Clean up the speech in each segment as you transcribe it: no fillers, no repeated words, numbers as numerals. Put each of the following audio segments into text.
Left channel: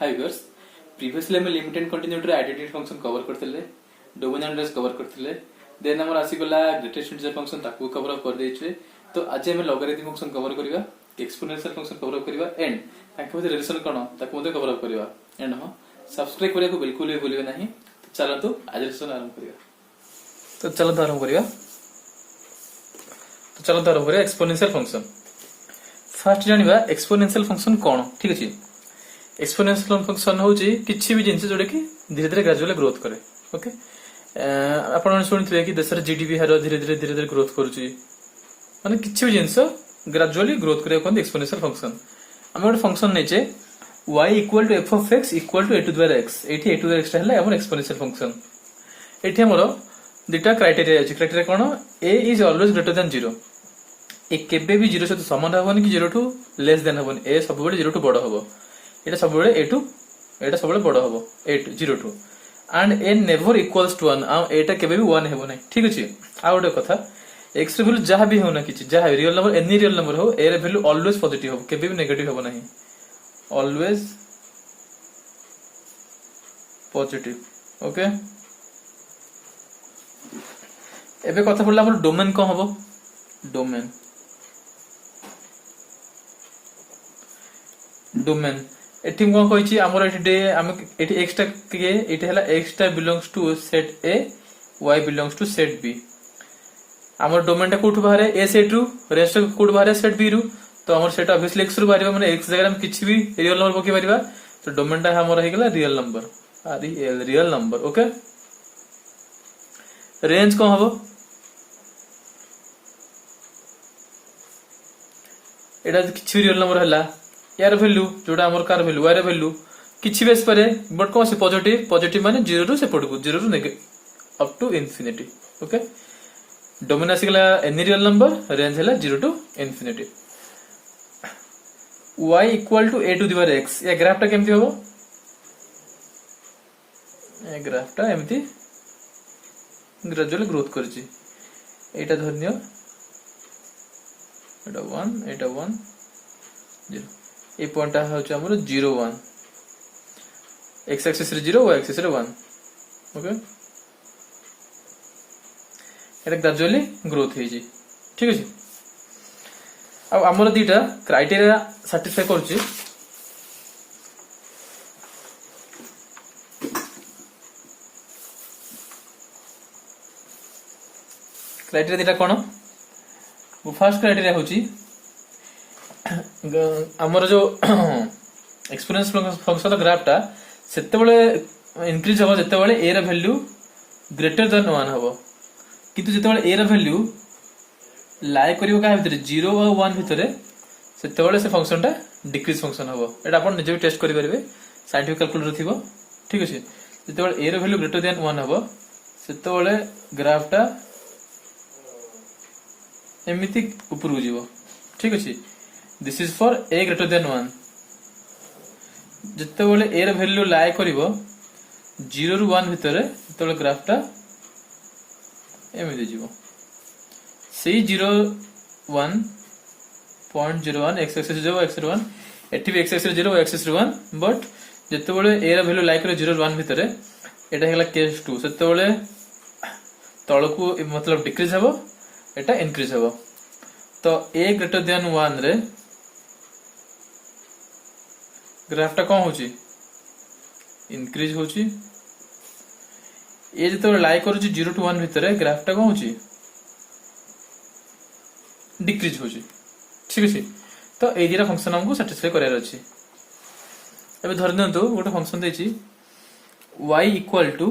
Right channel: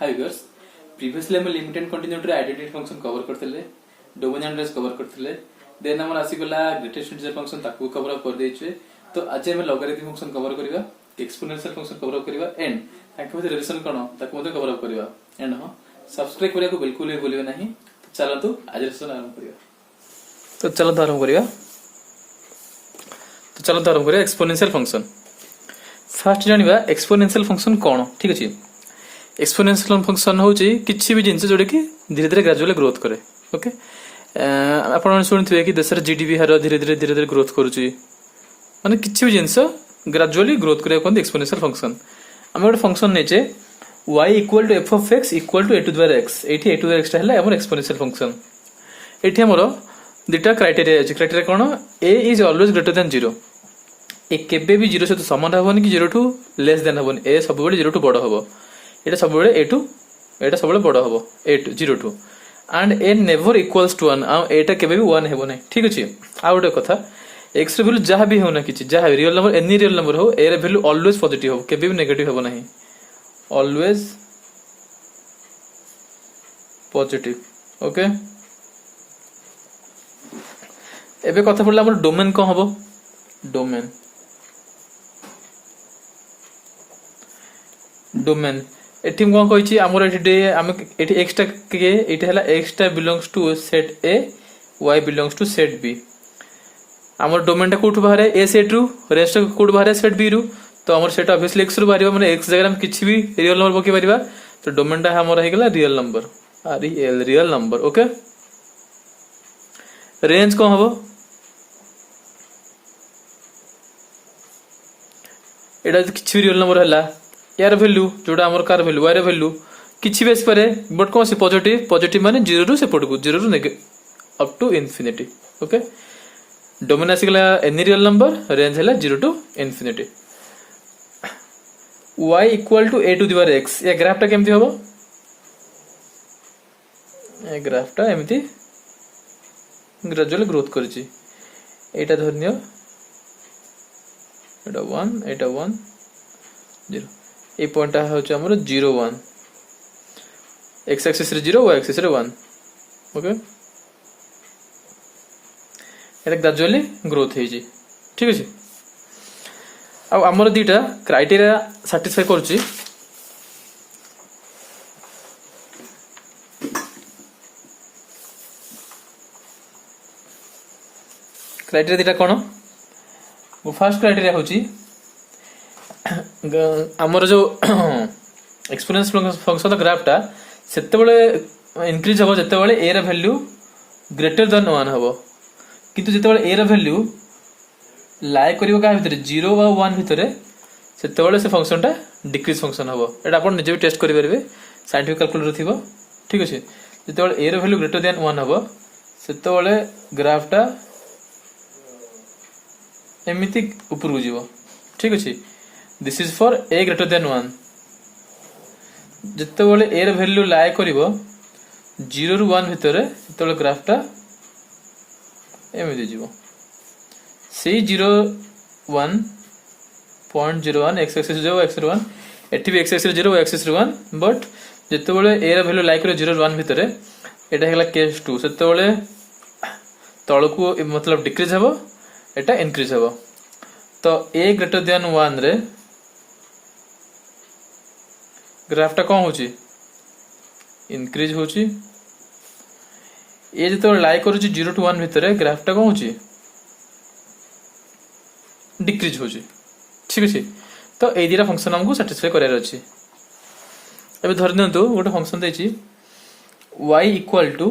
हाय viewers previously हम limit and continuity identity function cover करथिले domain address cover करथिले then हमर आसी गला ग्रेटेस्ट इंटीजर फंक्शन ताकू कवर कर देछे तो आज हम लॉगरिथम फंक्शन कवर करबा एक्सपोनेंशियल फंक्शन कवर करबा एंड ताकू मध्ये रिलेशन कोन ताकू मध्ये कवर करबा एंड हां सब्सक्राइब करिया को बिल्कुल भी भूलिबे नहीं तो चलंतु आज लेसन आरंभ करिया तो चलंतु आरंभ करिया एक्सपोनेंशियल फंक्शन फर्स्ट जानिबा एक्सपोनेंशियल फंक्शन कोन ठीक अछि एक्सपोनेंशियल फंक्शन होची किछि भी जिंस जोडे कि धीरे धीरे ग्रेजुअली ग्रोथ करे ओके आपण सुनिथिबे कि देशर जीडीपी हार धीरे धीरे ग्रोथ करूची माने किछि भी जिंस ग्रेजुअली ग्रोथ करे कोन एक्सपोनेंशियल फंक्शन हम एक फंक्शन नेचे y equal to f of x equal to a to the power x एठी a to the power x हला हमर एक्सपोनेंशियल फंक्शन एठी हमर दुटा क्राइटेरिया अछि criteria cone a is always greater than 0 ए केबे भी 0 सहित समान हबन कि 0 टू लेस देन हबन a सब बेले 0 टू बड़ हबो एटा सब बेले a टू एटा सब बेले बड़ हबो a to 0 to and a never equals to 1 आ एटा केबे भी 1 हेबो नै ठीक अछि आ ओटा कथा x रे वैल्यू जहा भी होना किछि जहा real number any real number हो a रे वैल्यू ऑलवेज पॉजिटिव हो केबे भी नेगेटिव हेबो नै ऑलवेज पॉजिटिव ओके एबे कथा पड़ला हमर डोमेन को हबो डोमेन एठी कोन कहिछि हमर एठी डे हम एठी x टा के एठी हला x टा belongs to set a y belongs to set b हमर डोमेन टा कोठु बाहरे a सेट रु रेस्ट कोठु बाहरे सेट b रु तो हमर सेट ऑब्वियसली x रु बाहरिबा माने x जगह हम किछि भी रियल नंबर बकी परिबा तो डोमेन टा हमर हे गेला रियल नंबर ओके रेंज को हबो एटा किछि रियल नंबर हला यार वैल्यू जोटा हमर कार वैल्यू y रे वैल्यू किछि बेस परे बट कोन से पॉजिटिव माने 0 टू से पडकू 0 to up to infinity okay domain आसीगला एनी रियल नंबर रेंज हला 0 to infinity y equal to a to the power x या ग्राफ टा केमति होबो ए ग्राफ टा एमति ग्रेजुअल ग्रोथ करछि एटा धरनियो एटा 1 एटा 1 0 ए पॉइंट होचे हमर 0 1 x एक्सिस रे 0 y एक्सिस रे 1 ओके एटा ग्रेजुअली ग्रोथ हे जी ठीक अछि अब हमर दीटा क्राइटेरिया सैटिस्फाई करछि क्राइटेरिया दीटा कोन वो फर्स्ट क्राइटेरिया होची हमर जो एक्सपोनेंशियल फंक्शन ग्राफ टा सेते बेले इंक्रीज हो जते बेले a रे वैल्यू ग्रेटर देन 1 हबो किंतु जते बेले a रे वैल्यू लाई करियो का भीतर 0 और 1 भीतर सेते बेले से फंक्शन टा डिक्रीज फंक्शन हबो एटा आपण निजे टेस्ट करि परबे साइंटिफिक कैलकुलेटर थिबो ठीक अछि जते बेले a रे वैल्यू ग्रेटर देन 1 हबो सेते बेले ग्राफ टा एमिति ऊपर उजिबो ठीक अछि this is for a greater than 1 जते बेले a रे वैल्यू लाई करिवो 0 रु 1 भीतर तले ग्राफ टा एमिति जिवो सी 0.01 x एक्सिस 0 x 1 एठी भी x axis 0 y axis 1 but जते बेले a रे वैल्यू लाई करिवो 0 रु 1 भीतर एटा हेला केस 2 सेते बेले तळकू मतलब डिक्रीज हबो एटा इंक्रीज हबो तो a ग्रेटर देन 1 रे ग्राफ टा कोन होची इंक्रीज होची ए जतो लाई करूची 0 टू 1 भीतर ग्राफ टा कोन होची डिक्रीज होची ठीक अछि तो ए दिरा फंक्शन हमको सैटिस्फाई करार अछि एबे धरि नंतु गोटे फंक्शन देछि y equal to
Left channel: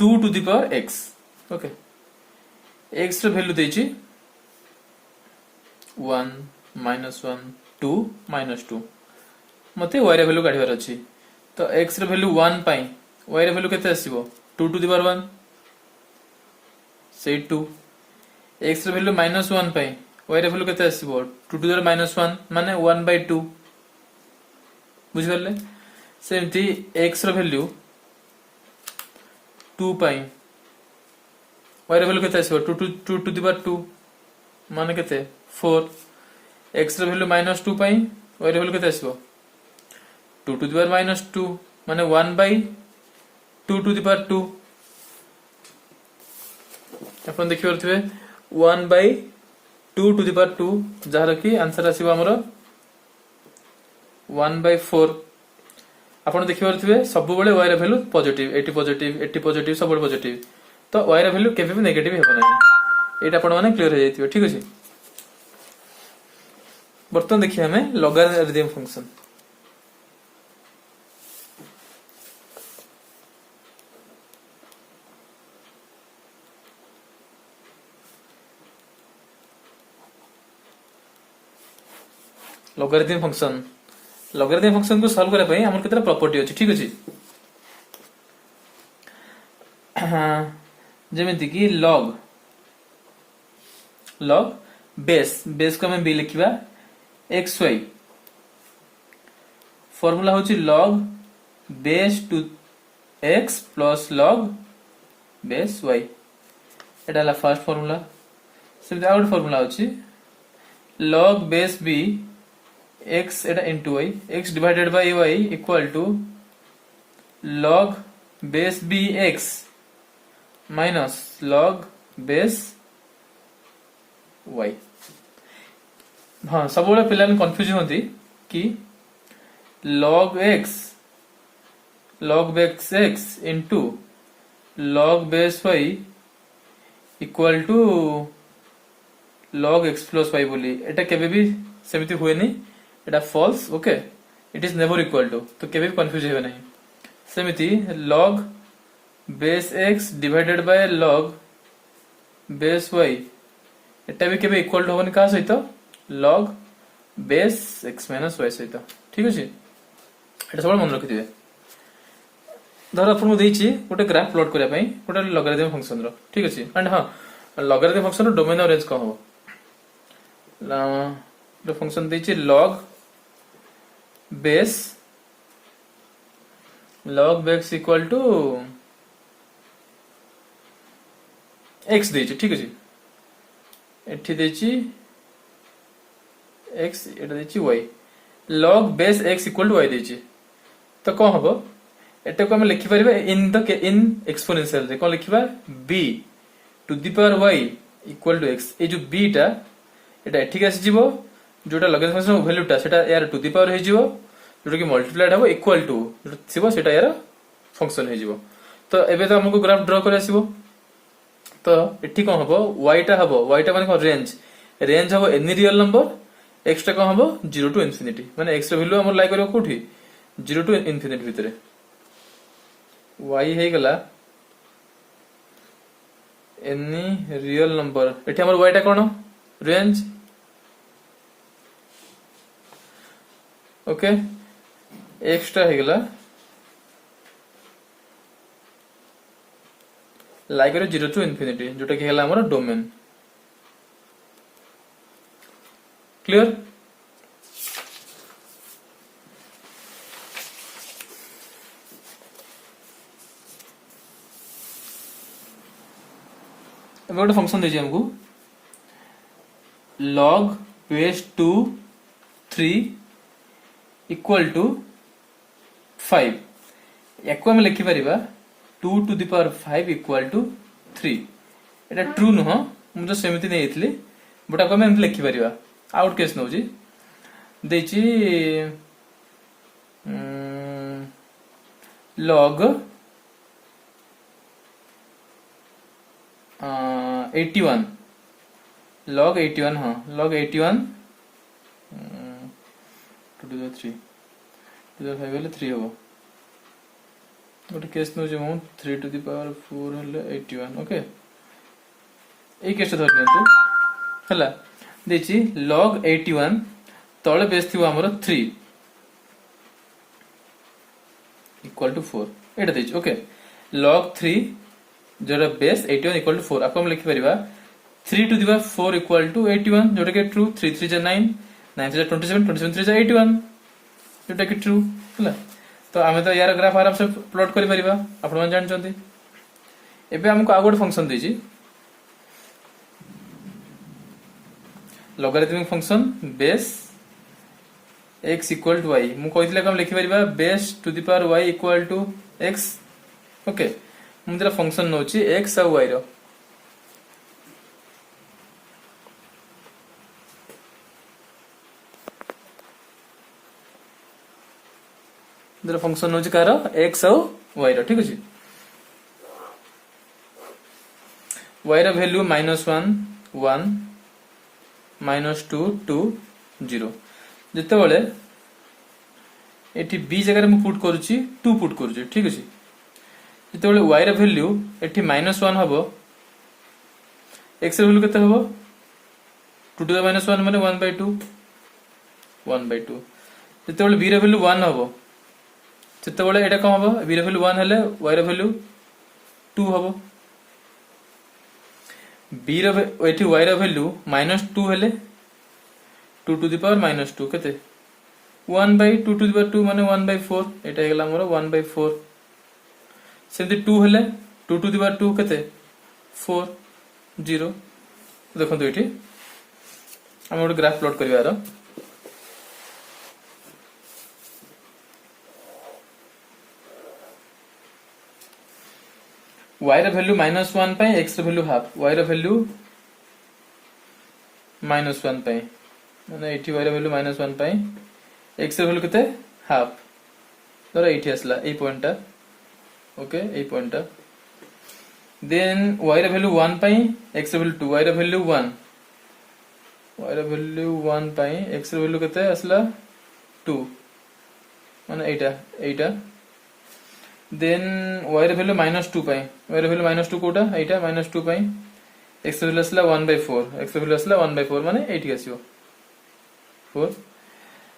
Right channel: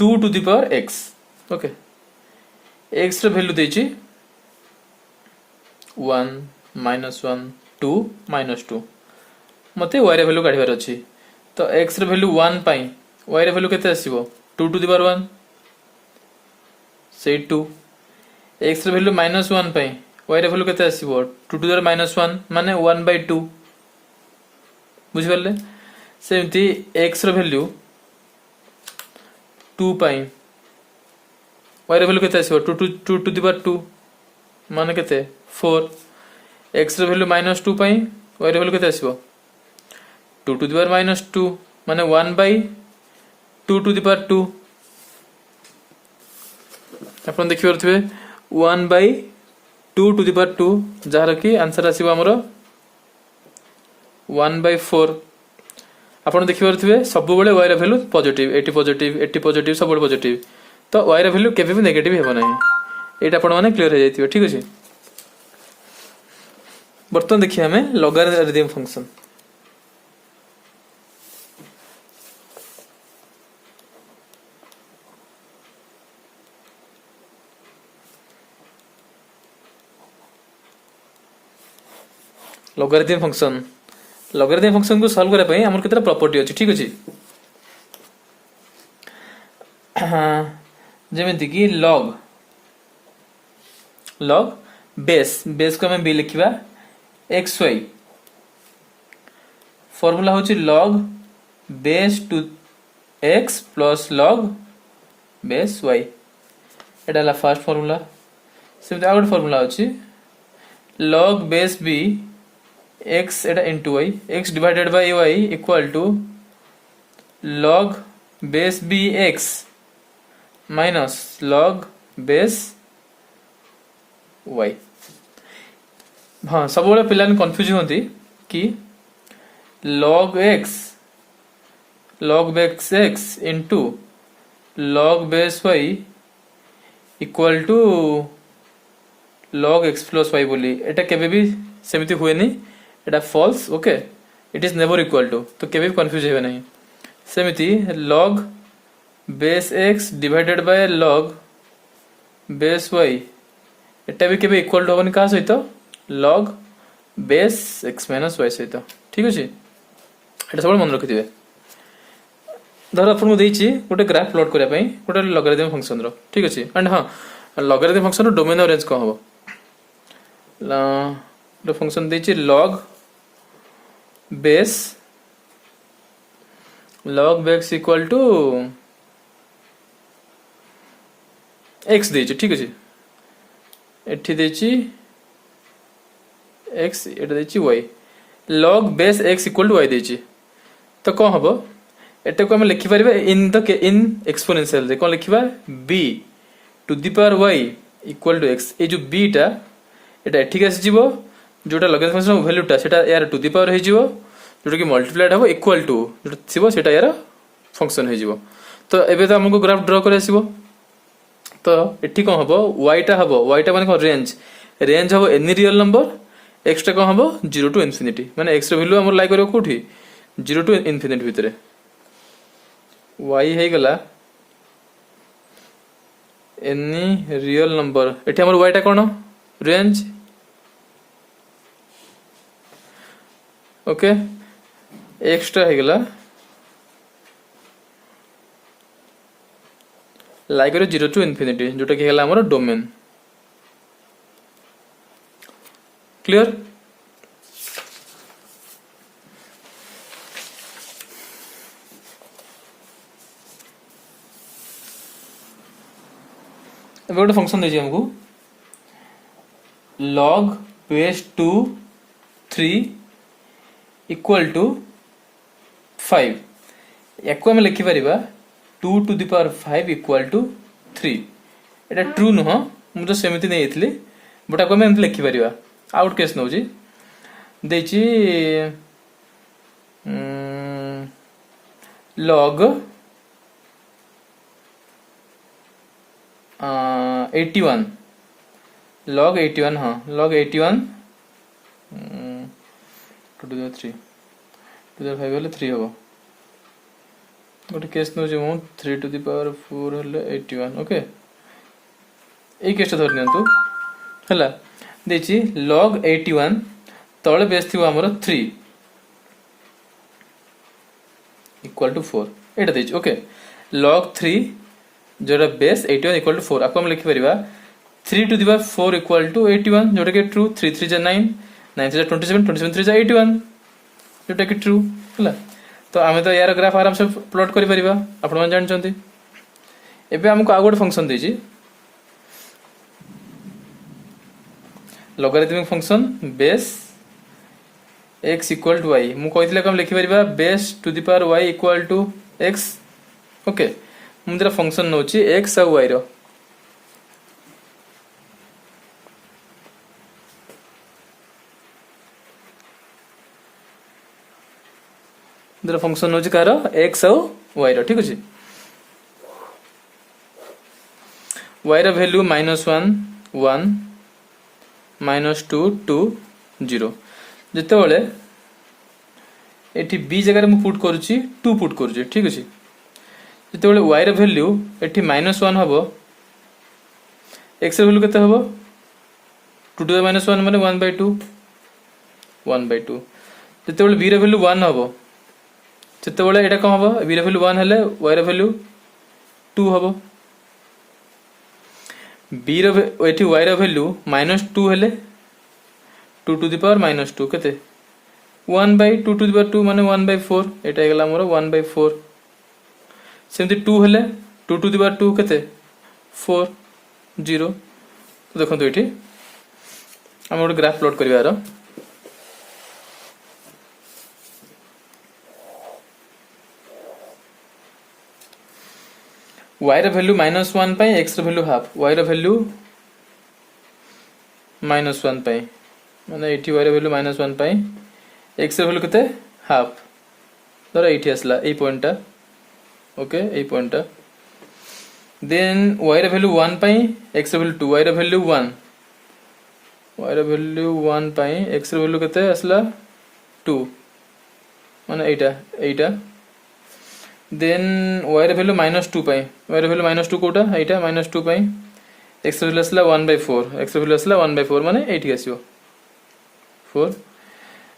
2 to the power x okay x रे वैल्यू देछि 1 -1 2 -2 मते y रे वैल्यू काढिबार अछि तो x रे वैल्यू 1 पाई y रे वैल्यू केते आसीबो 2 टू द पावर 1 से 2 x रे वैल्यू -1 पाई y रे वैल्यू केते आसीबो 2 टू द पावर -1 माने 1/2 बुझि परले सेमति x रे वैल्यू 2 पाई y रे वैल्यू केते आसीबो 2 टू द पावर 2 माने केते 4 x रे वैल्यू -2 पाई y ର ଭ୍ୟାଲୁ କେତେ ଆସିବ 2 to the power -2 ମାନେ 1/2 to the power 2 आपण देखि परथिबे 1/2 to the power 2 जहार की आंसर आसीबो हमर 1/4 आपण देखि परथिबे सब बेले y ର भ्यालु पॉजिटिव 80 सब बेले पॉजिटिव तो y ର भ्यालु केबे भी नेगेटिव हेबो नाही एटा आपण माने क्लियर हो जाइतिबो ठीक अछि बर्तन देखिए हमें लॉगरिथम फंक्शन लॉगरिथम फंक्शन को सॉल्व करबा पई हमर केतरा प्रॉपर्टी अछि ठीक अछि जेमेंति कि log बेस को हमें b लिखिबा xy फॉर्मूला होची log base two x plus log base y एटा ला first formula same out formula होची log बेस b x एटा into y x divided by y equal to log base b x minus log base y हाँ सब बड़े पिला confuse होती कि log base x into log base y equal to log x plus y बोली एटा केबे भी सेमिति हुए नहीं एटा false okay it is never equal to तो केबे भी कंफ्यूज हेबे नहीं सेमिति log base x divided by log base y एटा भी केबे इक्वल टू होबनी का सहित log base x minus y सहित ठीक अछि एटा सब मन रखिथिबे धर आपन देछि गोटे ग्राफ प्लॉट करिया पई गोटे लॉगरिथम फंक्शन रो ठीक अछि एंड हां लॉगरिथम फंक्शन रो डोमेन और रेंज को हो द फंक्शन देछि log base equal to x देछि ठीक अछि एठी देछि x एटा देछि y log base x equal to y देछि तो कोन हबो एटा को हम लिखि परिबे इन एक्सपोनेंशियल रे कोन लिखिबा b to the power y equal to x ए जो b टा एटा एठी आसी जिवो जोटा लॉगरिथम फंक्शन वैल्यू टा सेटा यार टू द पावर हे जिवो जोटा कि मल्टीप्लाइड हबो इक्वल टू जोटा थिबो सेटा यार फंक्शन हे जिवो तो एबे तो हमको ग्राफ ड्रा करे आसीबो तो एठी कोन हबो y टा माने को रेंज हबो एनी रियल नंबर x टा कोन हबो 0 टू इन्फिनिटी माने x रो वैल्यू हमर लाई करियो कोठी 0 टू इन्फिनिटी भितरे y हे गला एनी रियल नंबर एठी हमर y टा कोन रेंज ओके x टा हे गला लाई करियो 0 टू इन्फिनिटी जोटा कि हला हमर डोमेन क्लियर अब गोटे फंक्शन देछि हमको log बेस 2 3 इक्वल टू 5 याको हम लिखि परिबा 2 to the power 5 equal to 3 एटा ट्रू न हो मु तो सेमिति नै एथली बटा को हम लिखि परिबा आउट केस नउजी देछि log 81 log 81 हाँ log 81 2 to the 3 to the 5 वाले 3 होगा गोटे केस नो जे 3 to the power 4 हले 81 ओके ए केस धर नियंतु हला देछि log 81 तळे बेस थिबो हमर 3 इक्वल टू 4 एटा देछि ओके log 3 जोरा बेस 81 इक्वल टू 4 आपको हम लिखि परिबा 3 to the power 4 equal to 81 जोटा के ट्रू 3 3 जा 9 9 3 जा 27 27 3 जा 81 जोटा के ट्रू हला तो आमे तो यार ग्राफ आराम से प्लॉट करि परिबा आपण मन जान चंती एबे हमको आगोड फंक्शन देछि logarithmic function base x equal to y मु कहितले कम लिखि परिबा base to the power y equal to x okay मु तेरा फंक्शन नउची x और y रो तेरा फंक्शन नउची कार x और y रो ठीक अछि y रो वैल्यू -1 1 -2 2 0 जते बेले एठी b जगह में पुट करूची 2 पुट करूची ठीक अछि जते बेले y रो वैल्यू एठी -1 हबो x रो वैल्यू केते हबो 2 टू द -1 माने 1/2 1/2 जते बेले b रो वैल्यू 1 हबो जते बेले एटा कम हबो b रो वैल्यू 1 हेले y रो वैल्यू 2 हबो b रो एठी y रो वैल्यू -2 हेले 2 टू द पावर -2 केते 1/2 टू द पावर 2 माने 1/4 एटा गेला मोर 1/4 सेमति 2 हेले 2 टू द पावर 2 केते 4 0 देखो तो एठी हम ଗୋଟେ ग्राफ प्लॉट करिवार y रो वैल्यू -1 पई x रो वैल्यू हाफ y रो वैल्यू -1 पई माने एठी y रो वैल्यू -1 पई x रो वैल्यू केते हाफ धर एठी असला ए पॉइंट ओके ए पॉइंट देन y रो वैल्यू 1 पई x रो वैल्यू 2 y रो वैल्यू 1 y रो वैल्यू 1 पई x रो वैल्यू केते असला 2 माने एटा देन y रो वैल्यू -2 पई y रो वैल्यू -2 कोटा एटा -2 पई x रो वैल्यू असला 1/4 x रो वैल्यू असला 1/4 माने एठी आसीबो 4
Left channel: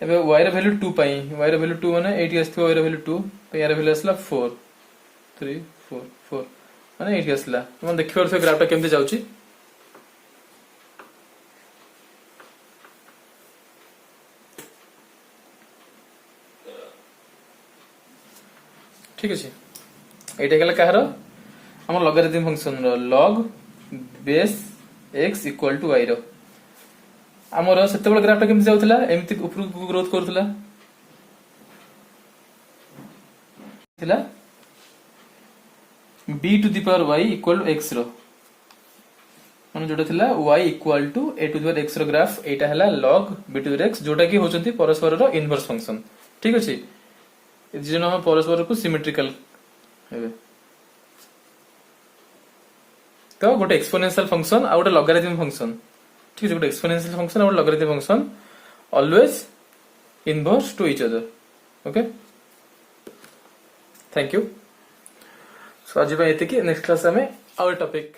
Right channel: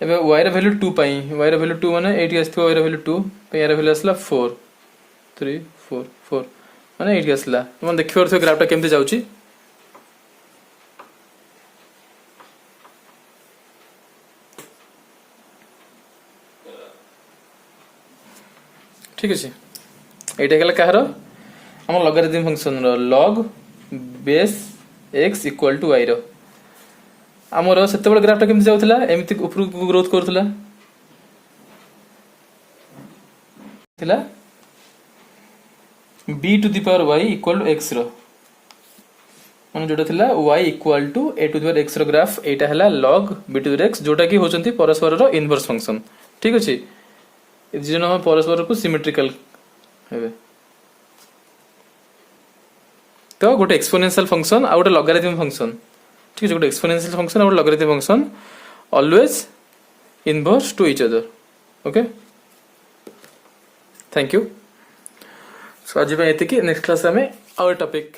एबे y रो वैल्यू 2 पई y रो वैल्यू 2 माने एठी आस्थो y रो वैल्यू 2 पई y रो वैल्यू असला 4 3 4 4 माने एठी असला तुम देखि परथो ग्राफटा केमते जाउची ठीक अछि एटा गेला कहारो हम लॉगरिथम फंक्शन रो log base x equal to y रो हमरो सेते बड़ ग्राफटा केमते जाउथला एमिति ऊपर ग्रोथ करथला थिला b to the power y equal to x रो माने जोटा थिला y equal to a to the power x रो ग्राफ एटा हला log b to the x जोटा की होचंती परस्पर रो इनवर्स फंक्शन ठीक अछि जे हम परस्पर को सिमेट्रिकल हेबे तो गोटे एक्सपोनेंशियल फंक्शन आ गोटे लॉगरिथम फंक्शन ठीक है गोटे एक्सपोनेंशियल फंक्शन और logarithm function always inverse two each other okay thank you so आज एति की नेक्स्ट क्लास में और टॉपिक